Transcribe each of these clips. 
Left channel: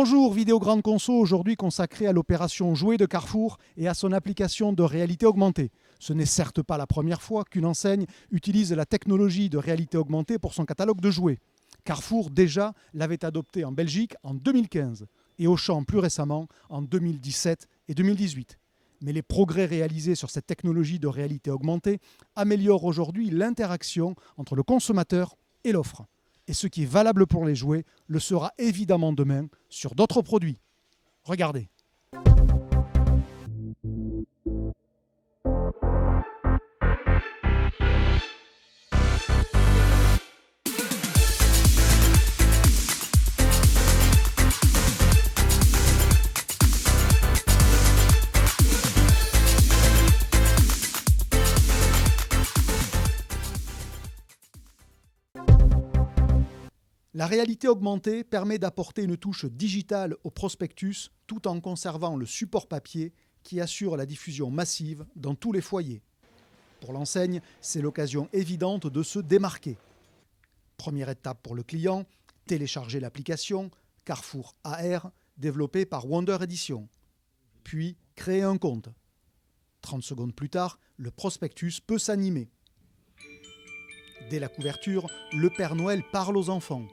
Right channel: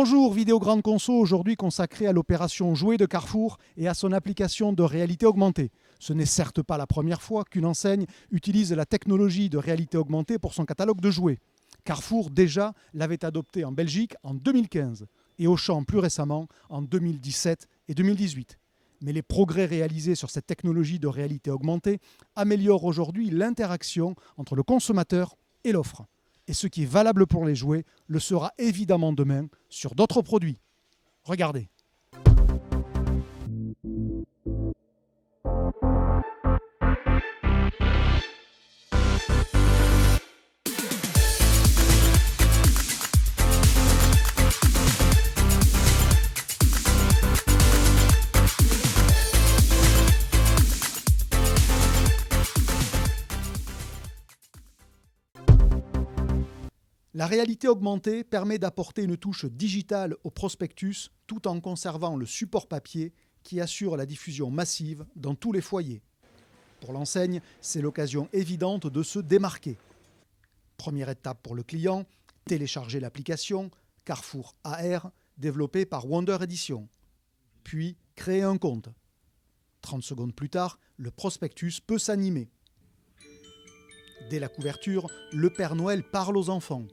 Bonjour, Vidéo Grande Conso, aujourd'hui consacrée à l'opération Jouets de Carrefour et à son application de réalité augmentée. Ce n'est certes pas la première fois qu'une enseigne utilise la technologie de réalité augmentée pour son catalogue de jouets. Carrefour déjà l'avait adopté en Belgique en 2015 et Auchan plus récemment en 2017 et 2018. Mais les progrès réalisés sur cette technologie de réalité augmentée améliorent aujourd'hui l'interaction entre le consommateur et l'offre. Et ce qui est valable pour les jouets le sera évidemment demain sur d'autres produits. Regardez. La réalité augmentée permet d'apporter une touche digitale au prospectus tout en conservant le support papier qui assure la diffusion massive dans tous les foyers. Pour l'enseigne, c'est l'occasion évidente de se démarquer. Première étape pour le client, télécharger l'application Carrefour AR développée par Wonder Edition. Puis créer un compte. 30 secondes plus tard, le prospectus peut s'animer. Dès la couverture, le Père Noël parle aux enfants.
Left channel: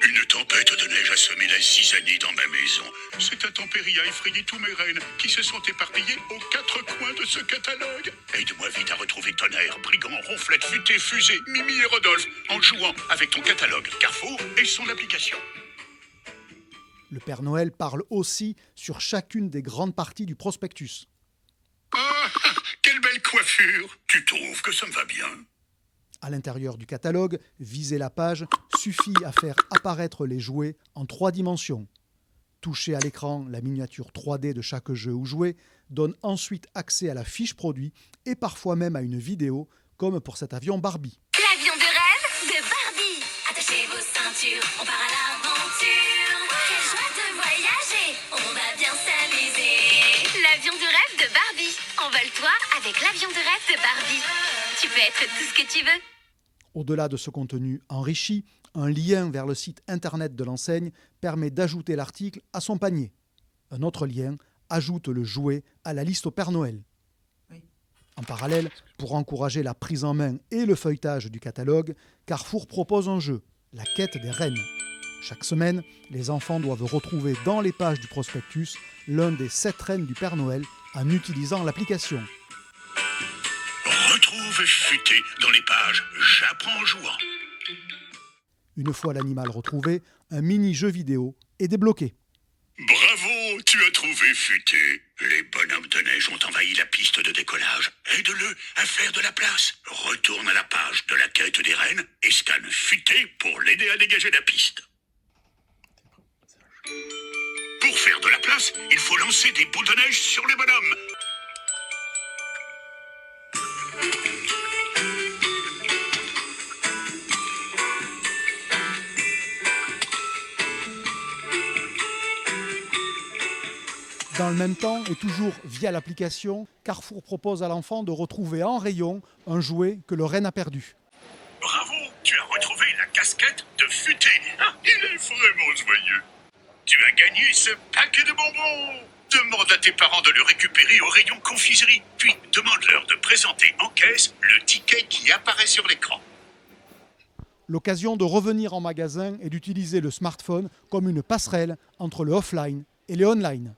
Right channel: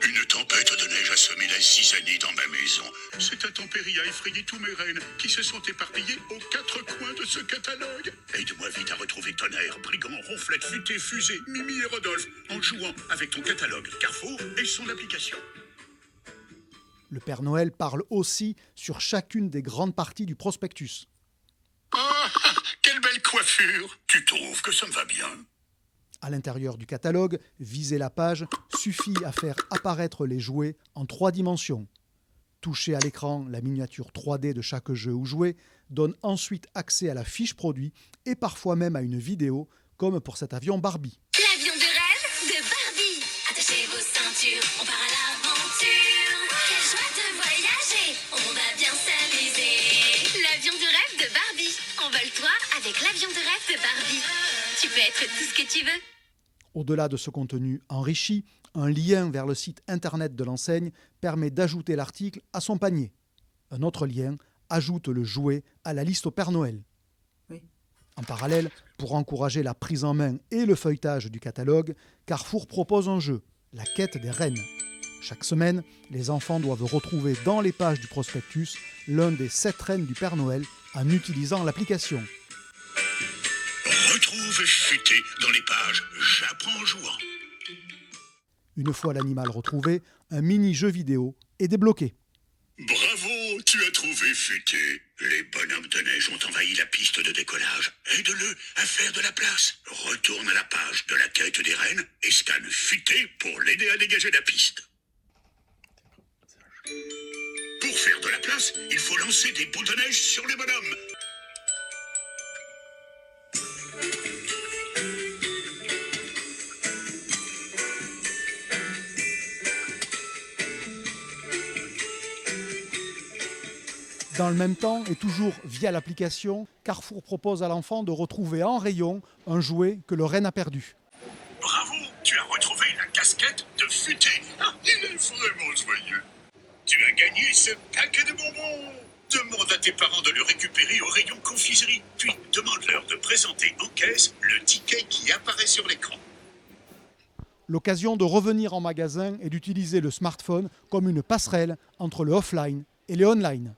Une tempête de neige a semé la zizanie dans ma maison. Cette intempérie a effrayé tous mes rennes qui se sont éparpillés aux quatre coins de ce catalogue. Aide-moi vite à retrouver Tonnerre, Brigand, Ronflette, Futé, Fusée, Mimi et Rodolphe en jouant avec ton catalogue Carrefour et son application. Le Père Noël parle aussi sur chacune des grandes parties du prospectus. Ah, quelle belle coiffure! Tu trouves que ça me va bien? À l'intérieur du catalogue, viser la page suffit à faire apparaître les jouets en 3 dimensions. Toucher à l'écran la miniature 3D de chaque jeu ou jouet donne ensuite accès à la fiche produit et parfois même à une vidéo, comme pour cet avion Barbie. L'avion de rêve de Barbie. Attachez vos ceintures, on part à l'aventure. Quelle joie de voyager, on va bien s'amuser. L'avion de rêve de Barbie. Envole-toi avec l'avion de rêve de Barbie. Tu peux être tout ce que tu veux. Au-delà de ce contenu enrichi, un lien vers le site internet de l'enseigne permet d'ajouter l'article à son panier. Un autre lien ajoute le jouet à la liste au Père Noël. En parallèle, pour encourager la prise en main et le feuilletage du catalogue, Carrefour propose un jeu, la quête des rennes. Chaque semaine, les enfants doivent retrouver dans les pages du prospectus l'un des 7 rennes du Père Noël en utilisant l'application. Retrouve Futé dans les pages J'apprends en jouant. Une fois l'animal retrouvé, un mini-jeu vidéo est débloqué. Bravo, tu as trouvé Futé. Les bonhommes de neige ont envahi la piste de décollage. Aide-le à faire de la place. Retourne à la page de la quête des rennes et scanne Futé pour l'aider à dégager la piste. Pour faire de la place, il faut lancer des boules de neige sur les bonhommes. Dans le même temps, et toujours via l'application, Carrefour propose à l'enfant de retrouver en rayon un jouet que le renne a perdu. Bravo, tu as retrouvé la casquette de Futé. Ah, il est vraiment joyeux. Tu as gagné ce paquet de bonbons. Demande à tes parents de le récupérer au rayon confiserie. Puis demande-leur de présenter en caisse le ticket qui apparaît sur l'écran. L'occasion de revenir en magasin et d'utiliser le smartphone comme une passerelle entre le offline et le online.